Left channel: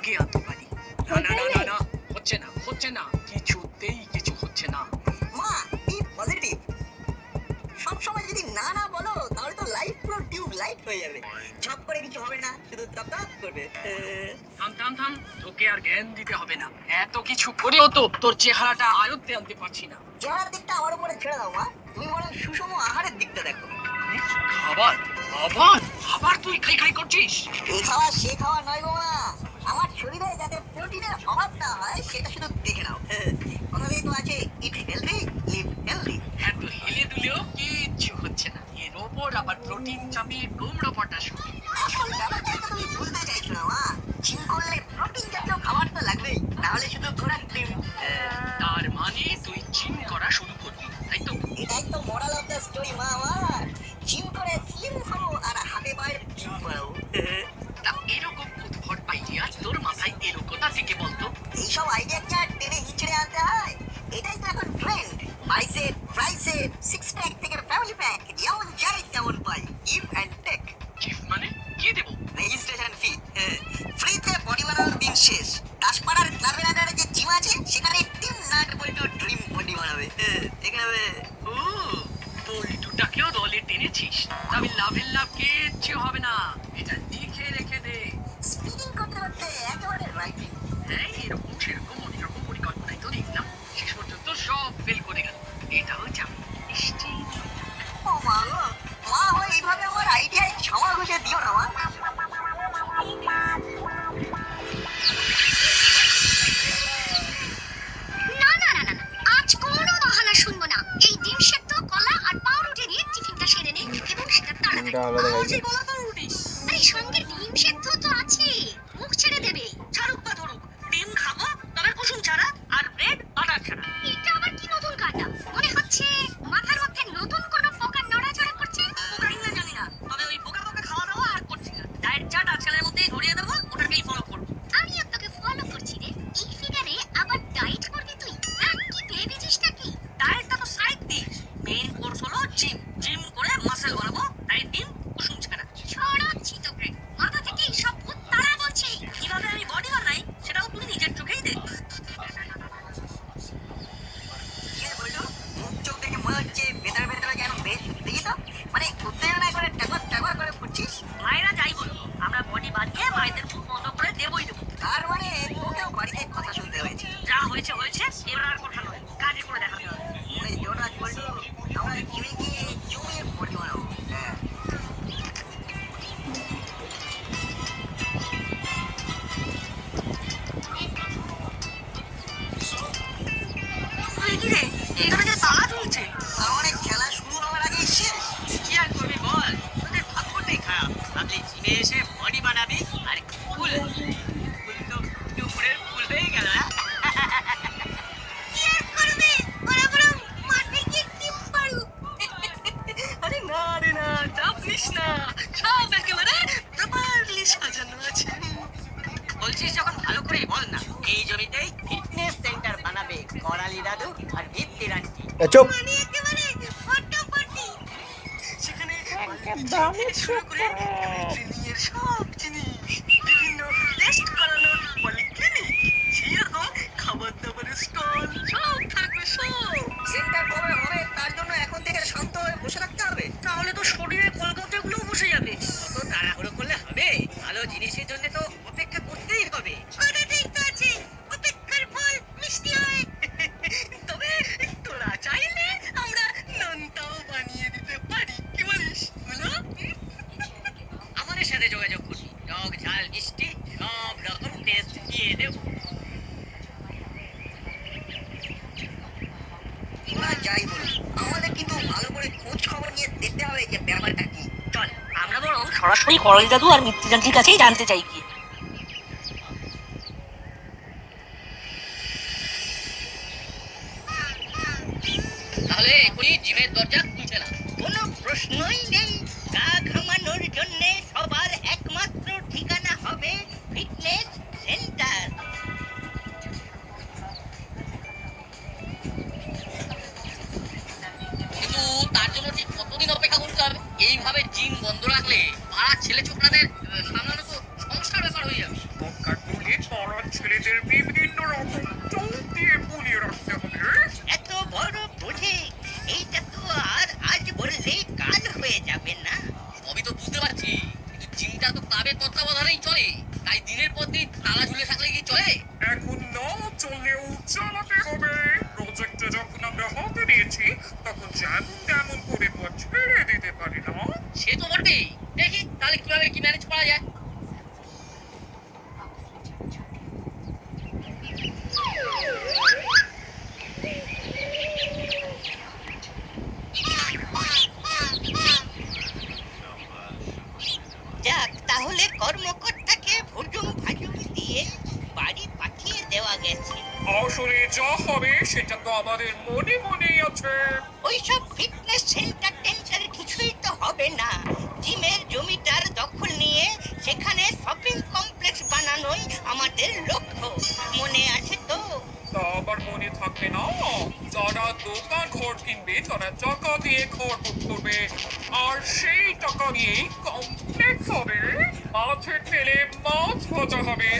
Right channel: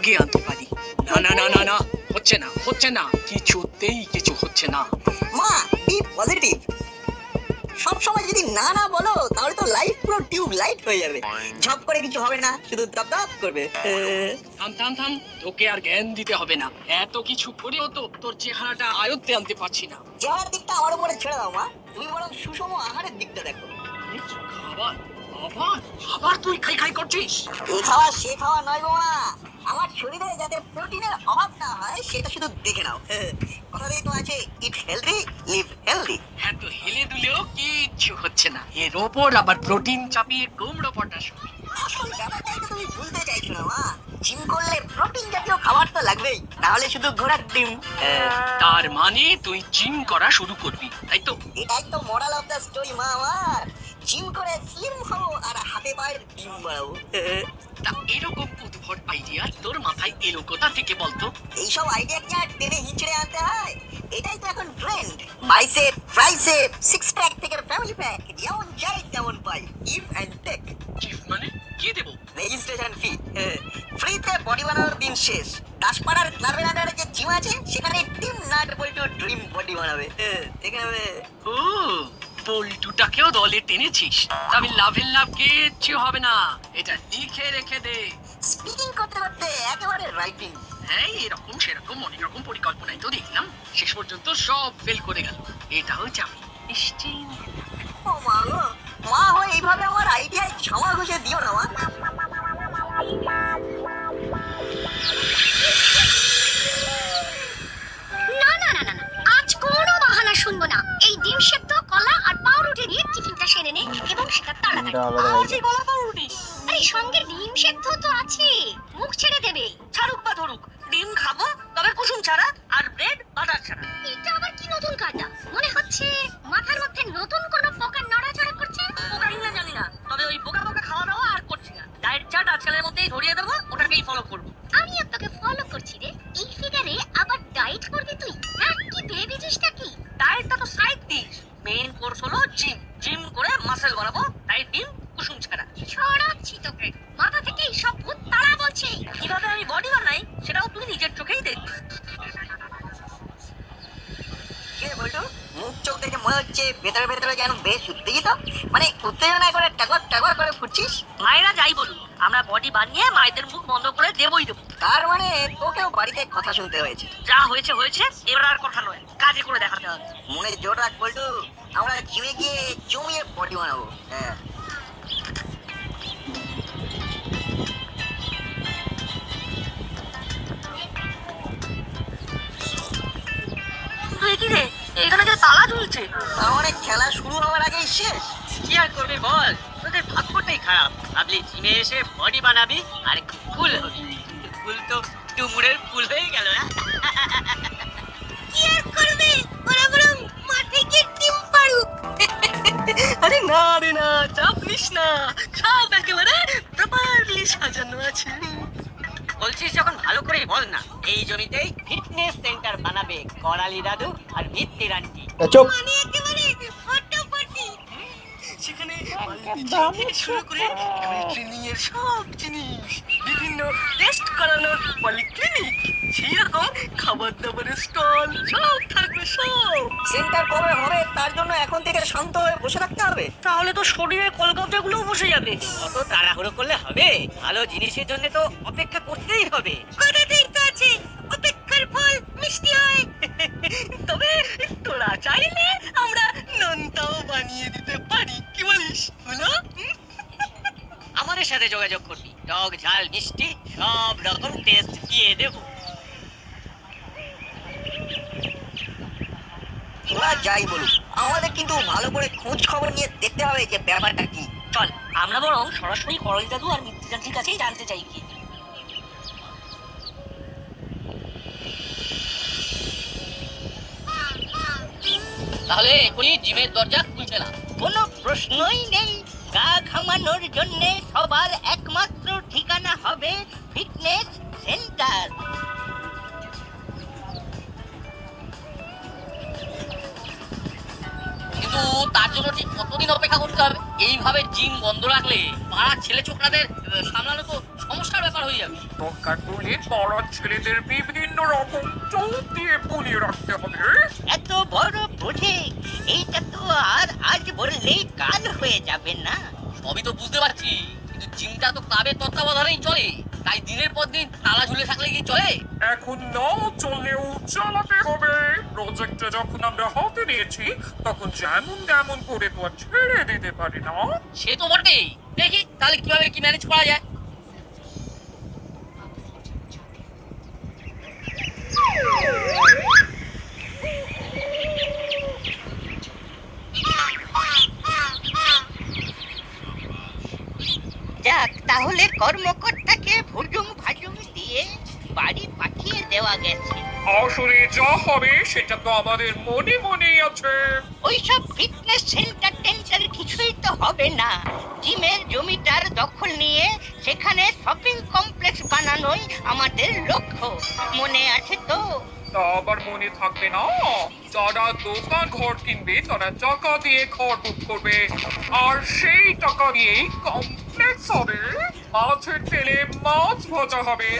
আগে আনতে পারি। না না না না না, হচ্ছে না, কিছুতেই কিছু হচ্ছে না। মা বি পজিটিভ। সব সময় যদি না না বলো তাহলে তো লাইফ পুরো টিউব লাইট হয়ে যাবে, ঝপ করে কিছু হবে না, শুধু দপ দপ করবে। থাম থাম থাম, তোকে আর জ্ঞান দিতে হবে না। এত কিছু করেও তো তোর চেহারাটা আয়ত্তে আনতে পারছি না। চেহারার দিকটা আমার উপরে ছেড়ে দাও মা, তুমি বরং সুষম আহারের দিকটা দেখো। আবার আবার আবার তুই খাই খাই করছিস। এই খাওয়া সে খাওয়া নয় গো মা, আমার শরীরে যাতে প্রোটিনের অভাব না হয় সেটা শুধু দেখে নাও। কথাতেই তো আছে ইট হেলদি লিভ হেলদি। এত হেলে দুলেও কিচ্ছু হচ্ছে না, এর ওপর আবার প্রোটিন চাপিয়ে কুমড়ো পটাশ। আসল ব্যাপারটা তো তুমি বুঝতে চাইছো না মা, জিম করলে প্রোটিন জাতীয় খাবার তো লাগবেই, না হলে শুধু ঘোড়ার ডিম। তার মানে তুই জিম করা শুরু করবি, তাই তো? এটাই তো মোরাল অফ দ্য স্টোরি মা আমার, জিম করে স্লিম হও আর হাতে পায়ের ডিম বাড়াও। তা এরকম উদ্ভট আইডিয়া তোর মাথায় এলো কোথা থেকে বলতো? এইসব আইডিয়া কি আর টেনে হিচড়ে আনতে হয়? এটাই তো এখন trend. Bicep, tricep, six pack থেকে ফ্যামিলি প্যাক, যেমন চাই তেমন পাই। Give and take. গিফট মানে কি দেবো? রেজিস্ট্রেশন ফি ফ্রিতে বডি বানানোর দিন শেষ। দাসপাড়ার ক্লাবের আন্ডারে যে জিম আছে সেখানে টিম নাট বল্টু ড্রিম বডি বানাবে। ঠিক আছে? ও, পল্টুটাকেও দলে টেনেছিস? তবে লাভের লাভ কিচ্ছু হবে না, এটা লিখে রেখে দে। স্পিকিং করতে করতে একেবারে রাইটিং। হ্যাঁ, এরকম সেরকম অনেক রকম পরিকল্পনাই তো দেখলাম, শেষ পর্যন্ত সব ফেল করে গেল। এটাও যাবে নিশ্চিত। ও মা গো, মা হয়ে এইভাবে আমার আইডিয়ায় ছামা ঘষে দিও না মা। না না না না না, আজ কোনো বাহানা শুনবো না। এই ডিম সেদ্ধ, কলা আর পাউরুটি দিয়ে টিফিনটা সেরে নে এবং সেটা তাড়াতাড়ি। কলা পাউরুটি? আরে সঙ্গে ডিম সেদ্ধ তো আছে, মুখ ছেড়ে দেবে। ছাড়ুক বা ধরুক, ডিম খাবো তবে কুসুম ছাড়া, আর ব্রেড বাটার ছাড়া। এটা আবার কি নতুন কায়দা? মনে হচ্ছে মাথার মধ্যে নতুন কোনো পোকা নড়াচড়া করছে। পোকা কিনা জানি না, তবে ওই বোকা বোকা খাওয়া দাওয়া আর করছি না। ডায়েট চার্ট আজকালের মধ্যেই ধরিয়ে দেবো, ওটাকেই ফলো করবো। আমি আপনাকে ফলো করছি রে। এই ফিগারে আবার ডায়েট করবি তুই? হ্যাঁ, কি ভেবেছিস নাকি? ডায়েটটা তো সাইড দিস, মেইন কোর্স হলো জিম। জিম করে মাসেল বানাবো, তাই ডিম কুসুম ছাড়া। ছড়াচ্ছি তোকে, মাথা থেকে সব ভূত তারা বলছে। কিভাবে আমি বডি বানাই সেটাও তুই নিজের চোখেই দেখবি। কে বলতো? মুখ চোখ দেখে মনে হচ্ছে ভেতরে ভেতরে যেন বেশ উত্তেজিত, মানে উত্তেজনায় করে টাগর টাগর করে ফুটছিস। মায়েরা যাই বলুন, আমরা বডি বানিয়ে মায়েদের মুখ বন্ধ করে দেবই দেবো। তার মানে তোকেও বাড়িতে কথা শুনতে হয়েছে। যা হয়েছে হয়েছে, এবার আর কথা নয়, কাজে করে দেখাতে হবে। মনে জোর রাখ বলতো, আমরা জিমে গিয়ে জমিয়ে বডি বানাবো। তুই কি রে, এখানে যে তালা ঝুলছে? তার মানে খেলা শুরু হওয়ার আগেই শেষ। কি আর করবি বল, তোদের ভাগ্যটাই খারাপ। ভাবলি জিমে এসে বডি বানাবি আর ফুল হবি, ফুল তো ডুমুরের ফুল হয়ে গেল না। কি আর করবে? ওরা বরং মাঠে গিয়ে ডিম পাড়ুক। আরে না রে না, চাপ নিস না, সব একেবারে প্রপারলি সাজানো আছে। বলছিস যখন ভালো করে বল না। এই জমিতেই ফিটনেস সেন্টার বানাবে করালি দাদু আর ভিত্তির আন্টি। চুপ। মানে একেবারে ফটাফটি। সেখানে একদম শুরু করে ট্রেনিংয়ের সব জিনিস, বিভিন্ন টেস্ট করানোর পলিক্লিনিক, সেরকম খাবার দাবারের স্টল সব থাকবে সব। সেন্টার কবে হবে তার জন্য এখন থেকে শান্ত হয়ে বসে থাকতে হবে। তাহলে তো শরীরের কলকাতাগুলো বসে যাবে। অত তাড়াহুড়ো করলে হবে? ভালো জিনিসের জন্য তো অপেক্ষা করতেই হবে। কথাতেই তো আছে, অপেক্ষার ফল মিষ্টি হয়। তবে তোরা চাইলে আমরা নন্তাও বানিয়ে দিতে পারি, কি বলিস হলো? আমাদের সাথে যোগাযোগ করবি, টক ঝাল মিষ্টি সব রকম টেস্ট দিয়ে দেবো। ওরা যাই বলুক, আমাদের কিন্তু ভালো করে খোঁজ খবর নিয়ে দেখতে হবে যে ব্যাপারটা কি। চল আমরা বরং সরাসরি করল দাদু আর মিত্রযান্ত্রীর কাছেই জানতে চাই কি। তাহলে এখনই জিমের দরজা খুলছে না? কোনো প্রশ্নই নেই, গা ঘামানোর জন্য সবার একমাত্র ঠিকানা হবে ফিটনেস সেন্টার। কিন্তু তার জন্য ঠিক কতদিন অপেক্ষা করতে হবে? এইভাবে জিম বন্ধ রাখলে পাড়ার ছেলে ছোকরাদের সামলানো তো সমস্যার ব্যাপার পার হয়ে যাবে। দরকার পড়লে পাড়ার ছেলেদের বিভিন্ন রকম চোখ দিয়ে পুলিয়ে রাখতে হবে। এত বড় প্রজেক্ট, এইটা তো আর আজ বললেই কাল হয়ে যাবে না। সবই তো বুঝতে পারছি, কিন্তু জিমটা তো ক্লাবের তত্ত্বাবধানেই চলে, তাই দিনের পর দিন তালা ঝুলে থাকলে কি চলে? এখন নাও চললেও চালাতে হবে। প্রজেক্টটা যখন আমরা হাতে নিয়েছি তখন যেমন তেমন করে তো আর ছেড়ে দিতে পারি না। সে তো বটেই, দেখি তাহলে কিভাবে কি ম্যানেজ করা যায়। যাক, তাহলে কর্মকর্তাকে ভুজুম ভাজুম দিয়ে বাড়ি পাঠিয়ে দেওয়া গেছে। আসলে যা হবে সেটা তো আমাদের মনে মনেই আছে। ওইসব ফিটনেস সেন্টার টেন্টার কিছুই তো হবে না। জিমের জমিটার দখল নিয়ে সেখানে শপিং কমপ্লেক্স বানানোই আমাদের লক্ষ্য। মনে আছে তো? তা আবার মনে থাকবে না? যারা দোকান ঘর কিনবে তারা টাকা দিয়ে ঘর বুক করবে, আর সেই টাকা দিয়েই কমপ্লেক্স হবে। মাছের তেলে মাছ ভাজা হবে।